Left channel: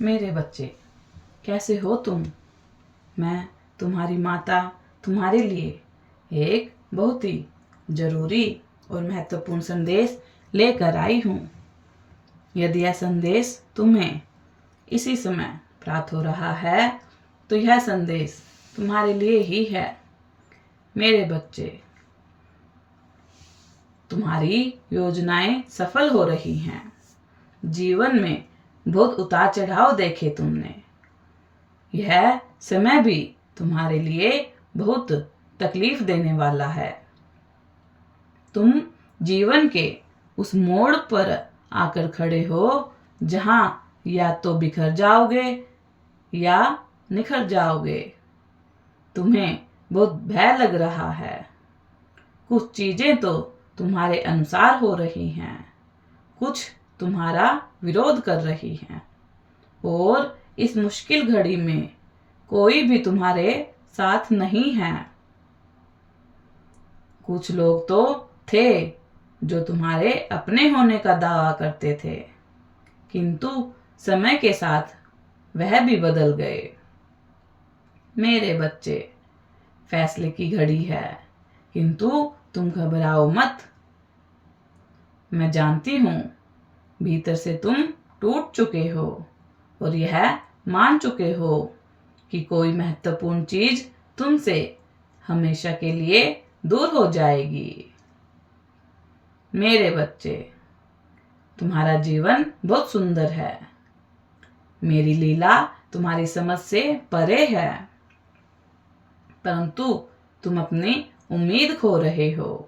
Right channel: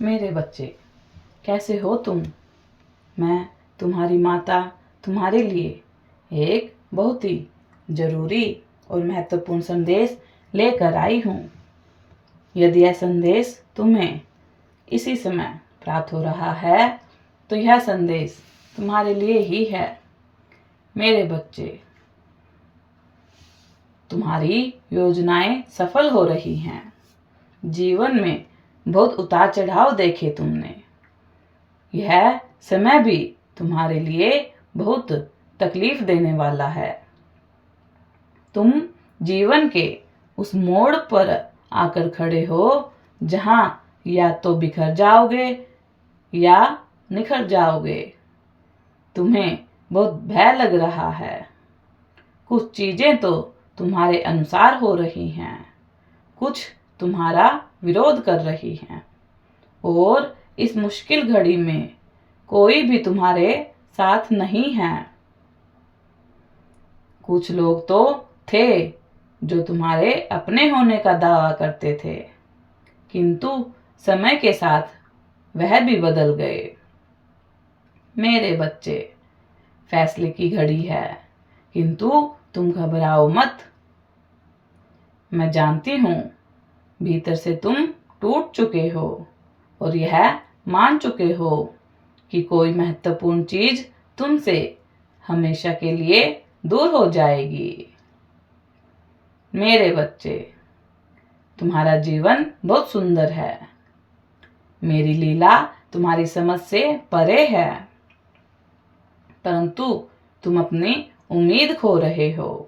मेरे बच्चे, कैसे हो तुम? मैं तुम्हारी माता तुम्हारे लिए एक बहुत ही जरूरी और महत्वपूर्ण संदेश लेकर आई हूँ। यदि यह संदेश तुम्हें इसी समय प्राप्त हो रहा है तो यह संदेश तुम्हारे लिए ही है। मेरे बच्चे, तुम्हारी योजनाएं सफल हो रही हैं। जीवन में बहुत उतार चढ़ाव देखे तुमने। यह समय भी तुम्हारे लिए बहुत तकलीफ देने वाला है। तुम जीवन के उस मोड़ पर आकर खड़े हो जहां या तो बिखर जाओगे या निखर जाओगे। तुम्हें बहुत भय लग रहा है। कुछ चीजें तो तुम्हारे अनुसार हो रही हैं, कुछ तुम्हारा विरोध कर रही हैं, और इस मुश्किल घड़ी में कोई भी तुम्हारे साथ नहीं है। कुछ लोग तो थे जो तुम्हारे अपने होने का दावा करते थे, किंतु समय के साथ वह भी बदल गए। मेरे बच्चे, फैसले की घड़ी है, किंतु तुम घबराओ मत। मैं जानती हूँ भीतर से तुम टूट चुके हो और यह मान चुके हो कि कोई महत्वपूर्ण चीज तुमसे हमेशा के लिए दूर हो जाएगी। मेरे बच्चे, तुम्हारा जीवन बहुत सुंदर है। मेरी लीला तुम्हारी समझ से परे है, परंतु तुम अपनी उम्मीद खो रहे हो।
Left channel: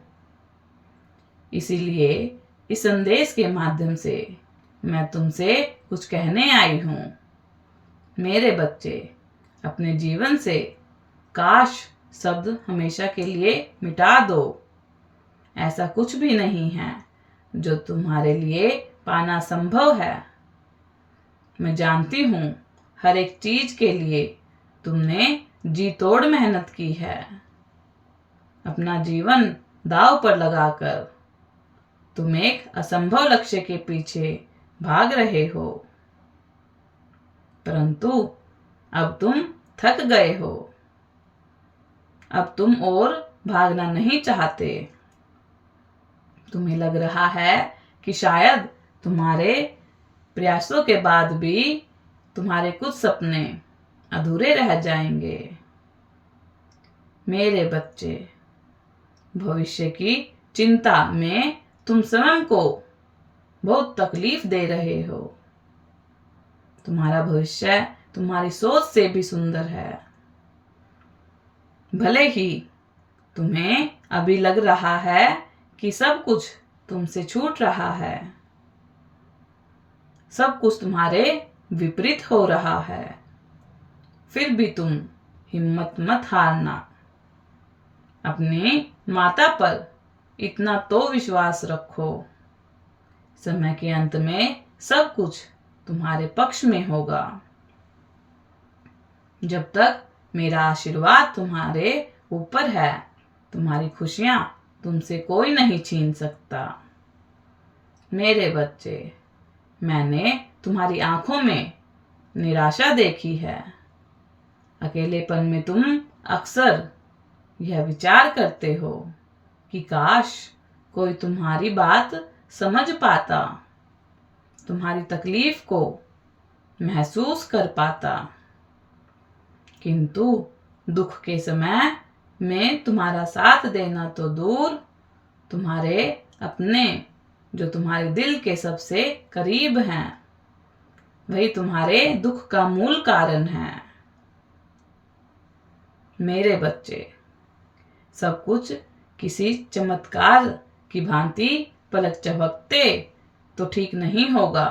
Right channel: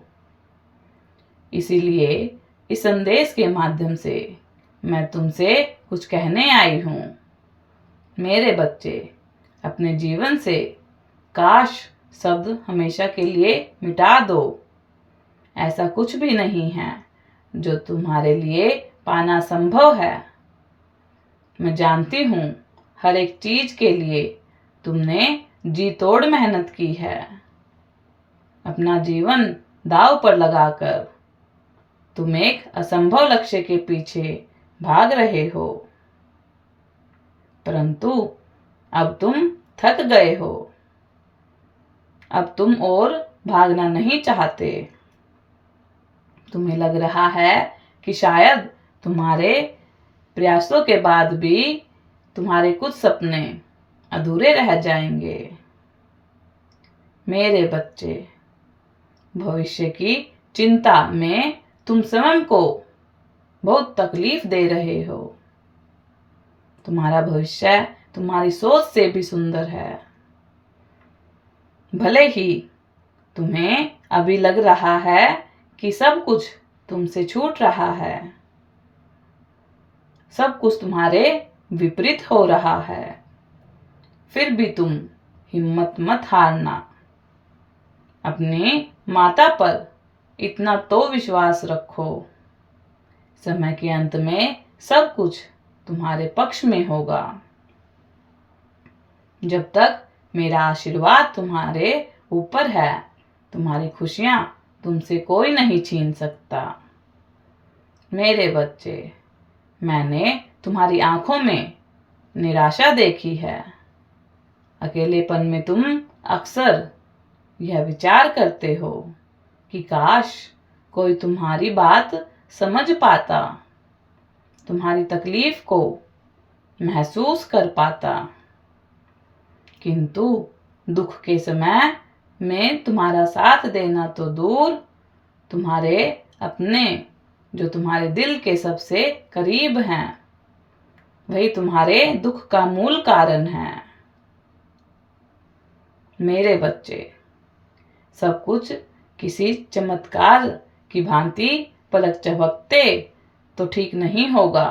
इसीलिए इस संदेश के माध्यम से मैं तुमसे कुछ कहने आई हूँ। मेरे बच्चे, अपने जीवन से काश शब्द हमेशा के लिए मिटा दो। ऐसा कुछ भी नहीं है जो तुम्हारे लिए पाना संभव है। मैं जानती हूँ हर एक चीज के लिए तुमने जी तोड़ मेहनत की है। अपना जीवन दांव पर लगाकर तुम एक असंभव लक्ष्य के पीछे भाग रहे हो, परंतु अब तुम थक गए हो। अब तुम और भागना नहीं चाहते। तुम्हें लग रहा है कि शायद तुम्हारे प्रयासों के बाद भी तुम्हारे कुछ सपने अधूरे रह जाएंगे। मेरे बच्चे, भविष्य की चिंता में तुम स्वयं को बहुत तकलीफ दे रहे हो। तुम्हारा भविष्य तुम्हारी सोच से भी सुंदर है। भले ही तुम्हें अभी लग रहा है कि सब कुछ तुमसे छूट रहा है, सब कुछ तुम्हारे विपरीत हो रहा है, फिर भी तुम हिम्मत मत हारना। अपनी माता पर इतना तो विश्वास रखो, समय के अंत में सब कुछ तुम्हारे पक्ष में होगा। जब तक मेरा आशीर्वाद तुम्हारे ऊपर है, तुम्हारी खुशियां तुमसे कोई नहीं छीन सकता। मेरे बच्चे, मैंने तुम्हारी आंखों में निराशा देखी है। अकेलेपन में तुम अक्सर यह विचार करते हो कि काश कोई तुम्हारी बात समझ पाता, तुम्हारी तकलीफ को महसूस कर पाता। किंतु दुख के समय में तुम्हारा साथ देना तो दूर, तुम्हारे अपने जो तुम्हारे दिल के सबसे करीब हैं, वही तुम्हारे दुख का मूल कारण है। मेरे बच्चे, सब कुछ किसी चमत्कार की भांति पलक झपकते तो ठीक नहीं होगा,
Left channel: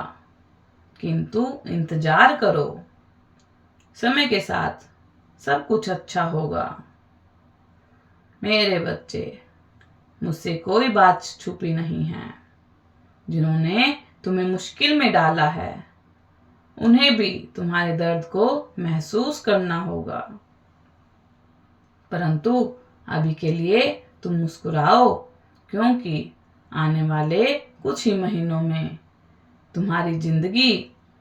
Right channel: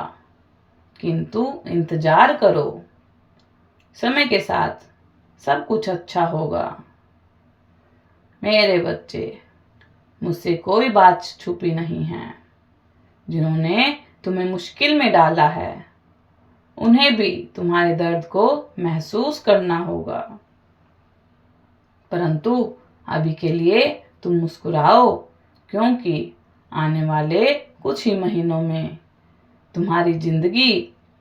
किंतु इंतजार करो। समय के साथ सब कुछ अच्छा होगा। मेरे बच्चे, मुझसे कोई बात छुपी नहीं है। जिन्होंने तुम्हें मुश्किल में डाला है, उन्हें भी तुम्हारे दर्द को महसूस करना होगा, परंतु अभी के लिए तुम मुस्कुराओ, क्योंकि आने वाले कुछ ही महीनों में तुम्हारी जिंदगी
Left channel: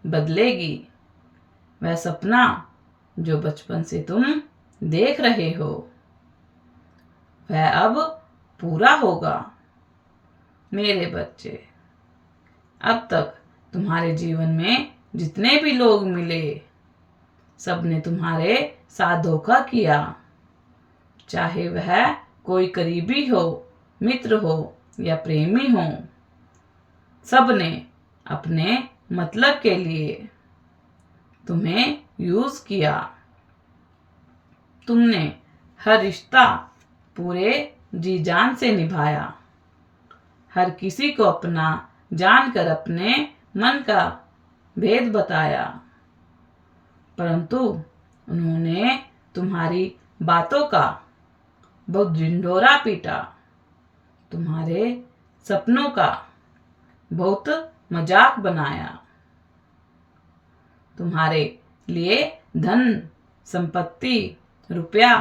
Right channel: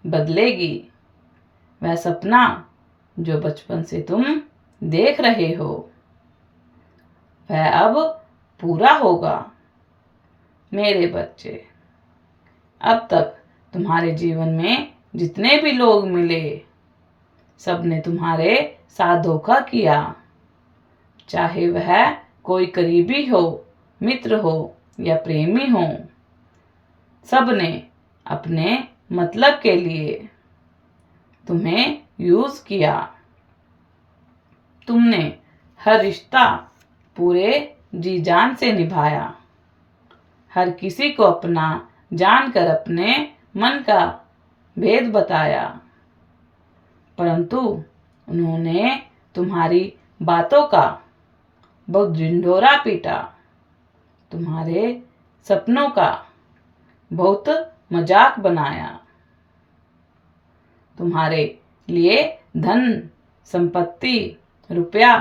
बदलेगी। वह सपना जो बचपन से तुम देख रहे हो वह अब पूरा होगा। मेरे बच्चे, अब तक तुम्हारे जीवन में जितने भी लोग मिले सबने तुम्हारे साथ धोखा किया, चाहे वह कोई करीबी हो, मित्र हो या प्रेमी हो। सबने अपने मतलब के लिए तुम्हें यूज किया। तुमने हर रिश्ता पूरे जी जान से निभाया, हर किसी को अपना जानकर अपने मन का भेद बताया, परंतु उन्होंने तुम्हारी बातों का बहुत ढिंढोरा पीटा, तुम्हारे सपनों का बहुत मजाक बनाया। तुम्हारे लिए धन, संपत्ति, रुपया,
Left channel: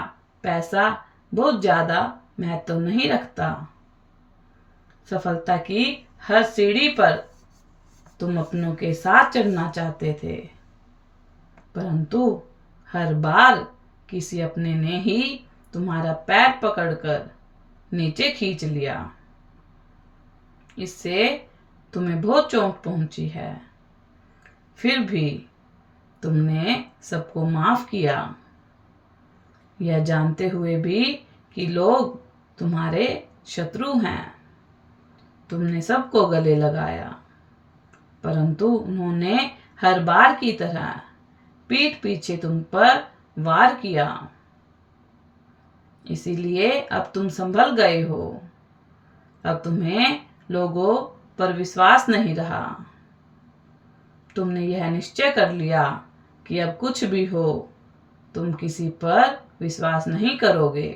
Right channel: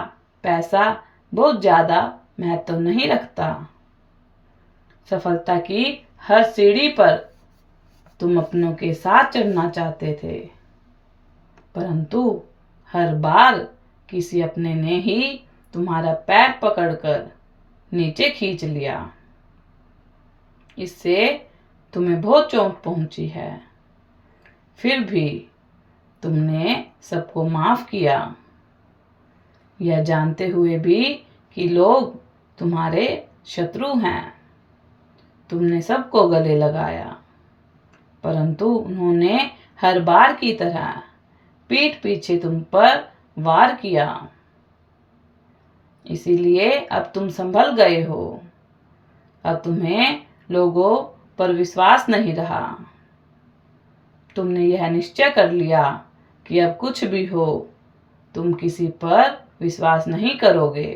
पैसा बहुत ज्यादा महत्व नहीं रखता। सफलता की हर सीढ़ी पर तुम अपनों के साथ चढ़ना चाहते थे, परंतु हर बार किसी अपने ने ही तुम्हारा पैर पकड़कर नीचे खींच लिया। इससे तुम्हें बहुत चोट पहुंची है, फिर भी तुमने सबको माफ किया, यह जानते हुए भी कि लोग तुम्हारे शत्रु हैं। तुमने सबको गले लगाया, परंतु उन्होंने हर बार की तरह पीठ पीछे तुम पर वार किया। इसीलिए अब तुम संभल गए हो। अब तुम्हें लोगों पर विश्वास नहीं रहा। तुमने यह निश्चय कर लिया कि अब कुछ भी हो तुम किसी पर विश्वास नहीं करोगे,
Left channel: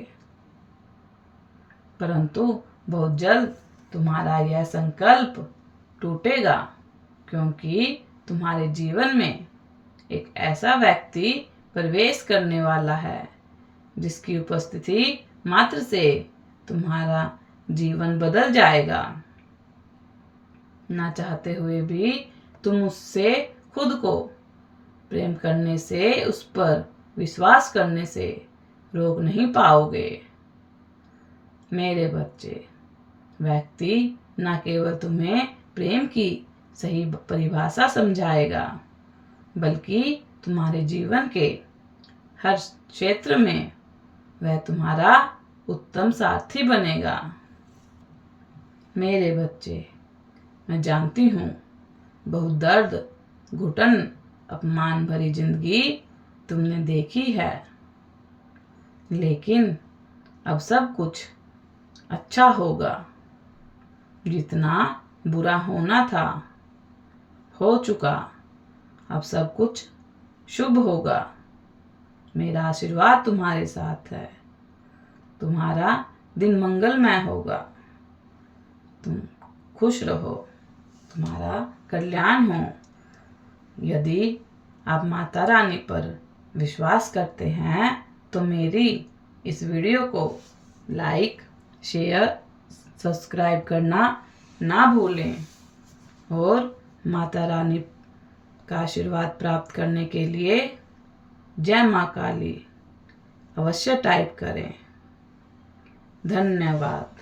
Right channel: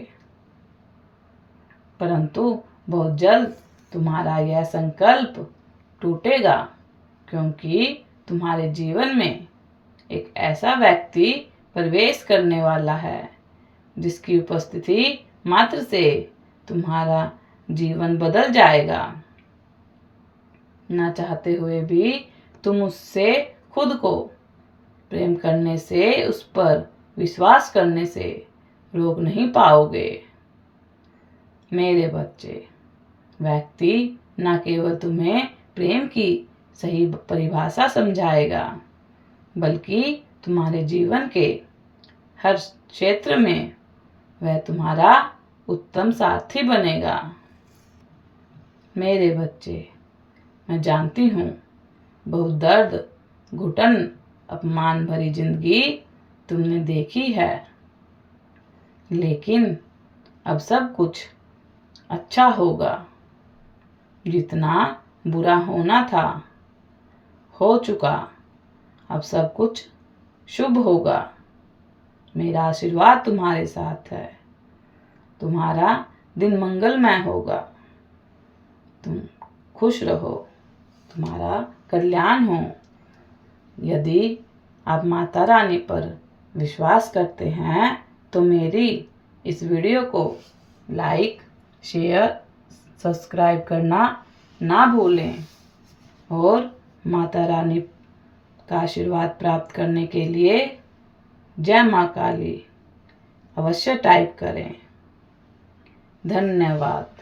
परंतु बहुत जल्द तुम्हारा यह संकल्प टूटेगा, क्योंकि तुम्हारे जीवन में एक ऐसा व्यक्ति प्रवेश करने वाला है जिसकी उपस्थिति मात्र से तुम्हारा जीवन बदल जाएगा। ना चाहते हुए भी तुम उससे खुद को प्रेम करने से, उस पर विश्वास करने से रोक नहीं पाओगे। मेरे बच्चे, व्यक्ति न केवल तुम्हें प्रेम की सही परिभाषा समझाएगा, बल्कि तुम्हारे जीवन के हर क्षेत्र में वह तुम्हारा उत्तम साथी बनेगा। मेरे बच्चे, मैं जानती हूँ बहुत दर्द, घुटन, अपमान भरी जिंदगी तुमने देखी है, लेकिन अब सब कुछ अच्छा होगा। जितना बुरा होना था हो चुका, अब सब कुछ शुभ होगा। मेरा आशीर्वाद तुम्हारे साथ है। तुम्हारा दिन मंगलमय होगा। तुम खुश रहो, तुम्हारा कल्याण हो। यदि आप माता रानी पर विश्वास करते हैं तो मेरी इस वीडियो को लाइक, शेयर, सब्सक्राइब करना ना भूलें और माता रानी का आशीर्वाद प्राप्त करने के लिए जय मां काली अवश्य टाइप करें। धन्यवाद।